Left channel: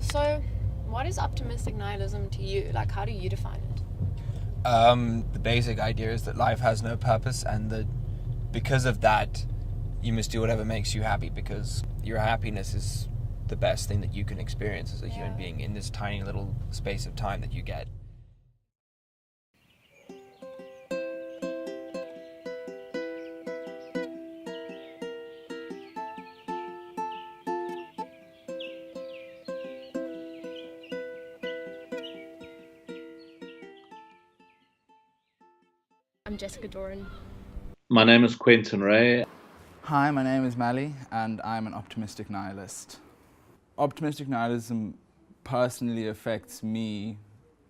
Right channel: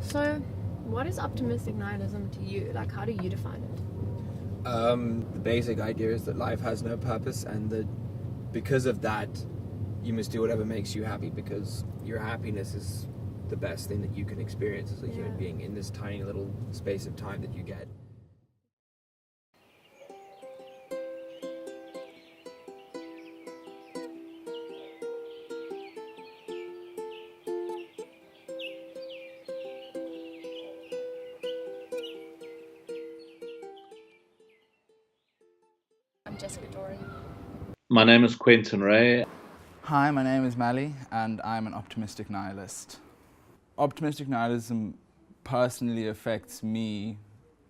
So, what is optimistic nihilism to you? Like, how do you define it? The basic idea is that life has no purpose, and that because of that, you must do whatever makes you happy, because your happiness is the best thing that you can experience as a human being in this tiny little space of time that you get. I'm Jessica Doran. My name is Quentin Ray. Hi, my name is Mally, and I'm an optimistic nihilist. Optimistic nihilism personally affects me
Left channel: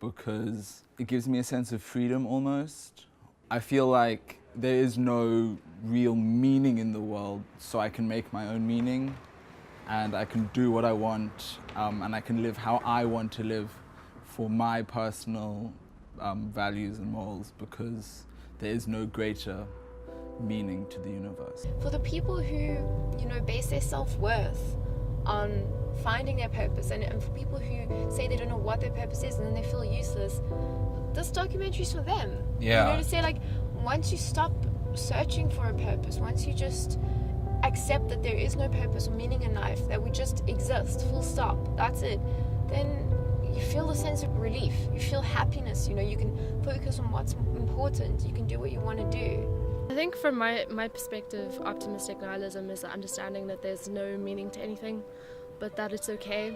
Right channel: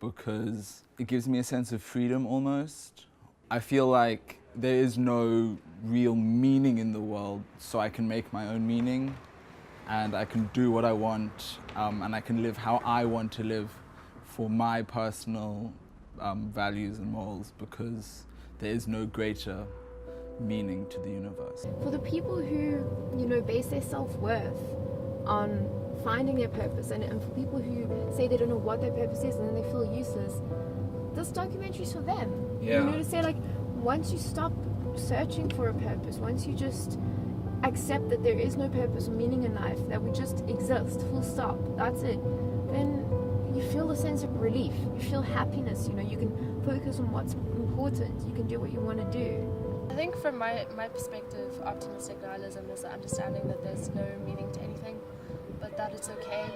because it gives me a sense of freedom almost. I feel like there is no real meaning in the world, so I can make my own meaning and I can do what I want, and I can live how I want to live for my personal values and morals, because there is no greater meaning to the universe. For the people who, base their self-worth on finding their purpose, and for people who say they don't know what their purpose is and then they feel useless, this documentary's for them. Yeah. To say, like, once you stop searching for a purpose, once you just accept that there is no purpose or meaning in life, that we just exist, full stop, that's it, then you feel a sense of relief, you feel happiness, you can focus on what's important, you can do what you want to do. I think from my perspective, optimistic nihilism is the understanding that there's no meaning to anything, but that it's okay.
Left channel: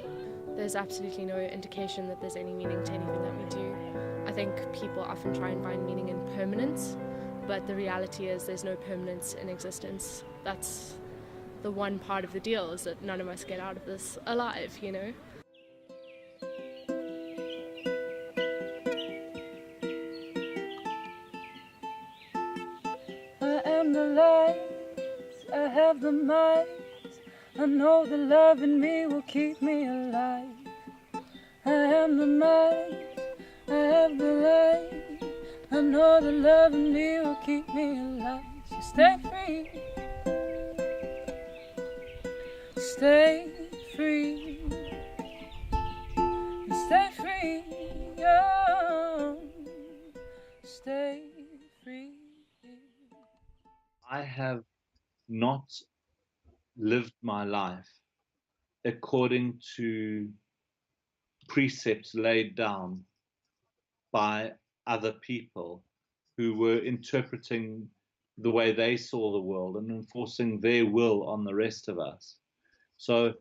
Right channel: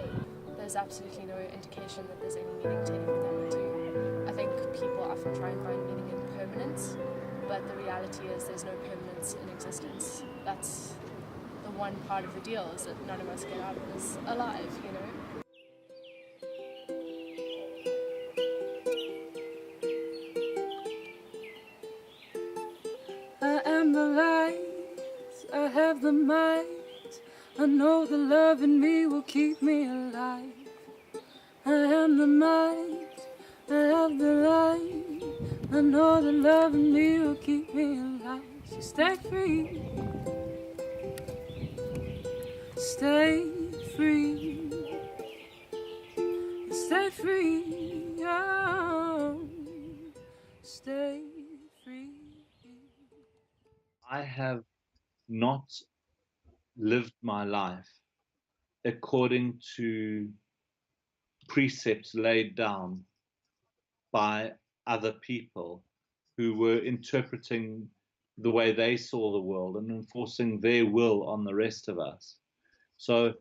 There's absolutely no indication that there's any meaning to anything that we do. I think people often try and find meaning in permanence, but the reality is there's no permanence in existence. That's the one part of the deal, is that none of us get out of this alive, I am the light, I have the might. I know the love in me will keep me alive. I am the might, I have the light. I know the love in me will keep me alive. So stay free, stay free, stay free, oh, stay free. I have not lived my life according to precepts laid down by other people who were interpreting the way they saw the world and enforcing their will on the rest of us. So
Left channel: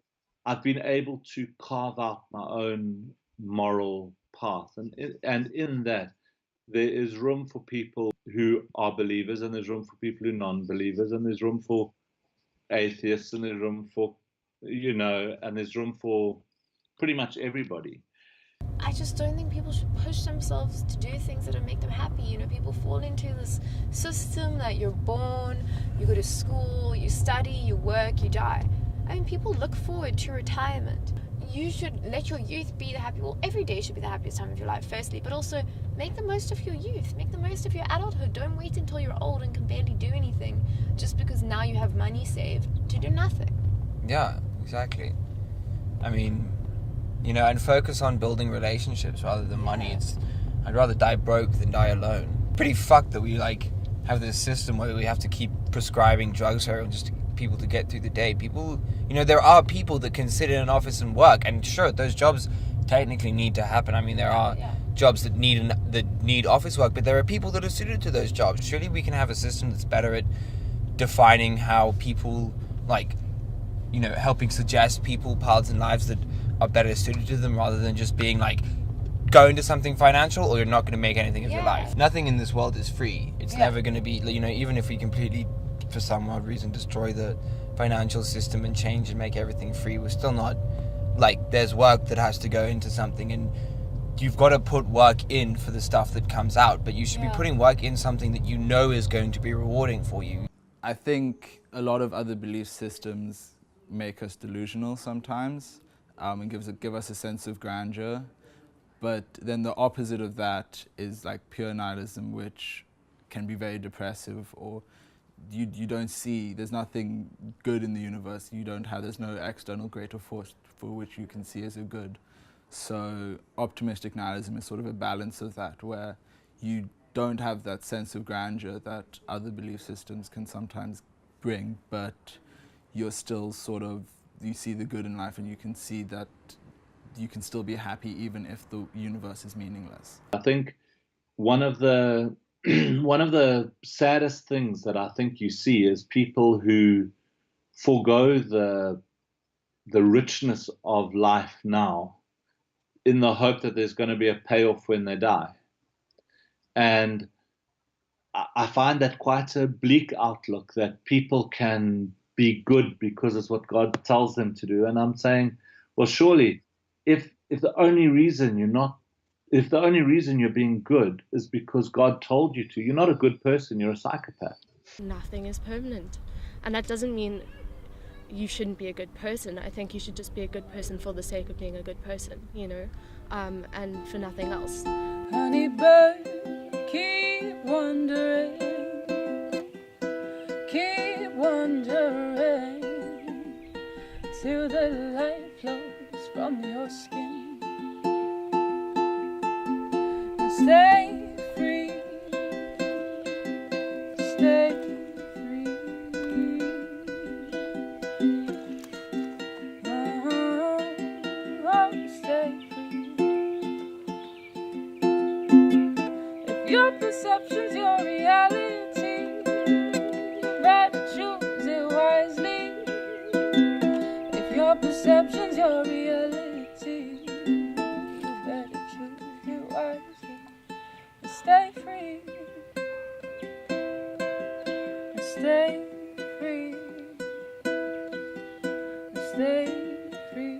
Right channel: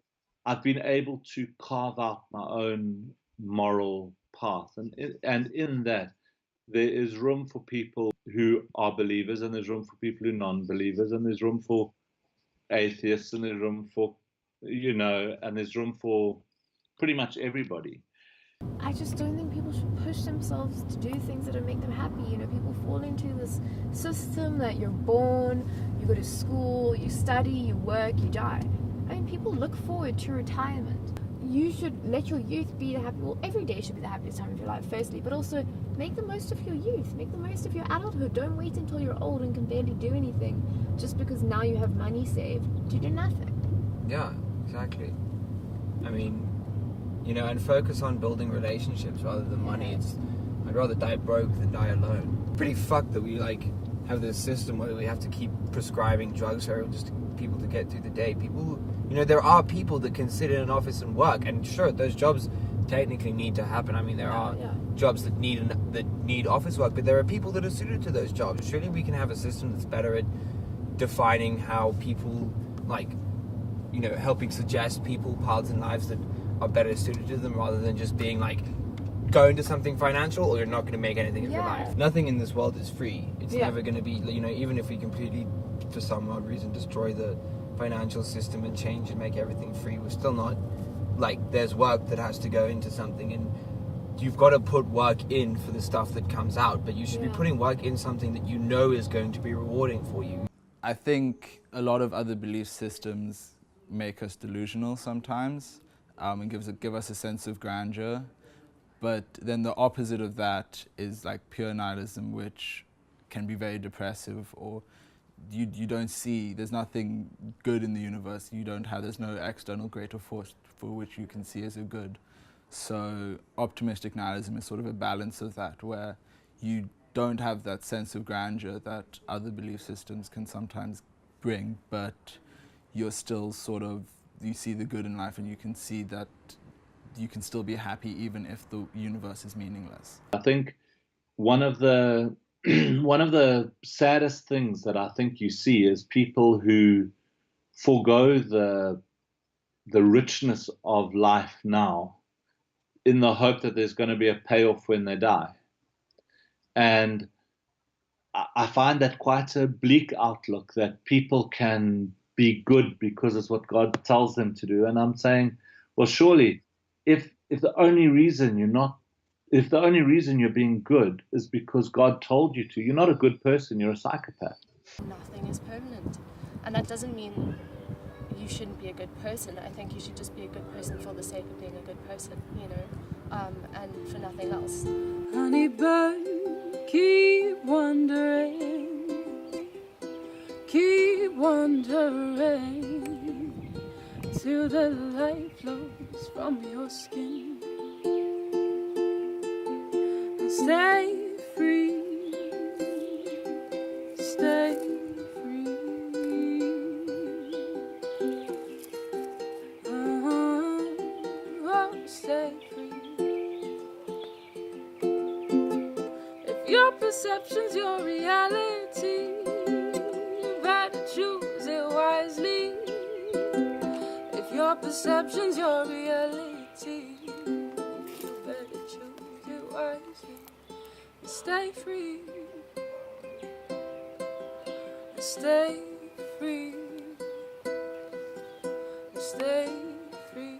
I've been able to carve out my own moral path, and in that there is room for people who are believers, and there's room for people who are non-believers, and there's room for atheists, and there's room for, and there's room for pretty much everybody. I just don't think people should push themselves to do things that don't make them happy. People fall into this system that you're born, you go to school, you study, you work, you die. I mean, people look forward to retirement. You should let your youth be the happy. Well, every day should be the happiest time of your life, firstly, but also make the most of your youth. Make the most of your adulthood. Don't wait until you're old and can barely do anything just because now you have money saved to do nothing. Yeah, exactly. I mean, and focus on building relationships rather than money. I'd rather die broke than die alone. Pretty fucked that we have this system where we have to keep prescribing drugs for just people to get through the day. People, there are people that can sit in an office and work, and sure, those jobs technically need to happen. I mean, there are jobs that need office work, but there are people that are suited to those jobs. Surely we can have a system that's better at defining how people, helping suggest people paths in lives that are better suited to them, rather than just being go into something financial or you're not going to make anything of your life. Nothing in this world is free. It's never going to be, even if we completely, for some odd reason, destroy the financial system and change and make everything free, we're still not, there's work that has to go into something, and you've got to put work in for the stuff that comes out, but you should be putting work in something that you know is going to be rewarding for you. I think a lot of other belief systems make us delusional sometimes, and give us a sense of grandeur. But then the opposite of that is pure nihilism, which can be very depressive, or you don't see, there's nothing good in the universe. There's no external greater force for which you can see as a good. So optimistic nihilism is sort of a balance of that, where you don't have that sense of grandeur that other belief systems can sometimes bring, but you're still you see the good in life, and you can see that you can still be happy even if the universe is meaningless. I think one of the one of the saddest things that I think you see is people who forego the richness of life now in the hope that there's going to be a payoff when they die. And I find that quite a bleak outlook, that people can be good because it's what God tells them to do. And I'm saying, well, surely if the only reason you're being good is because God told you to, you're not a good person, you're a psychopath. Nothing is permanent. And that doesn't mean you shouldn't be a good person. I think you should just be a good person for the sake of being a good person, you know, and for nothing else. Honey bird, keep wondering till the light flows from your skin. Stay free, stay free. Stay free. If your perception's your reality, you better choose it wisely. If your perception's your reality, you better choose it wisely. Stay free. Stay free. Stay free.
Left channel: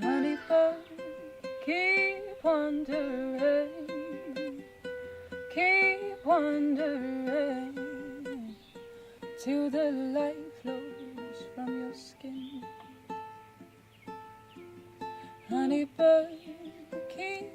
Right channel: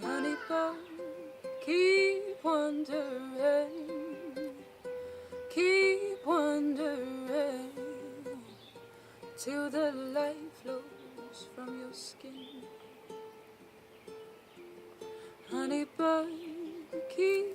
Honey bird, keep wondering till the light flows from your skin. Honey bird, keep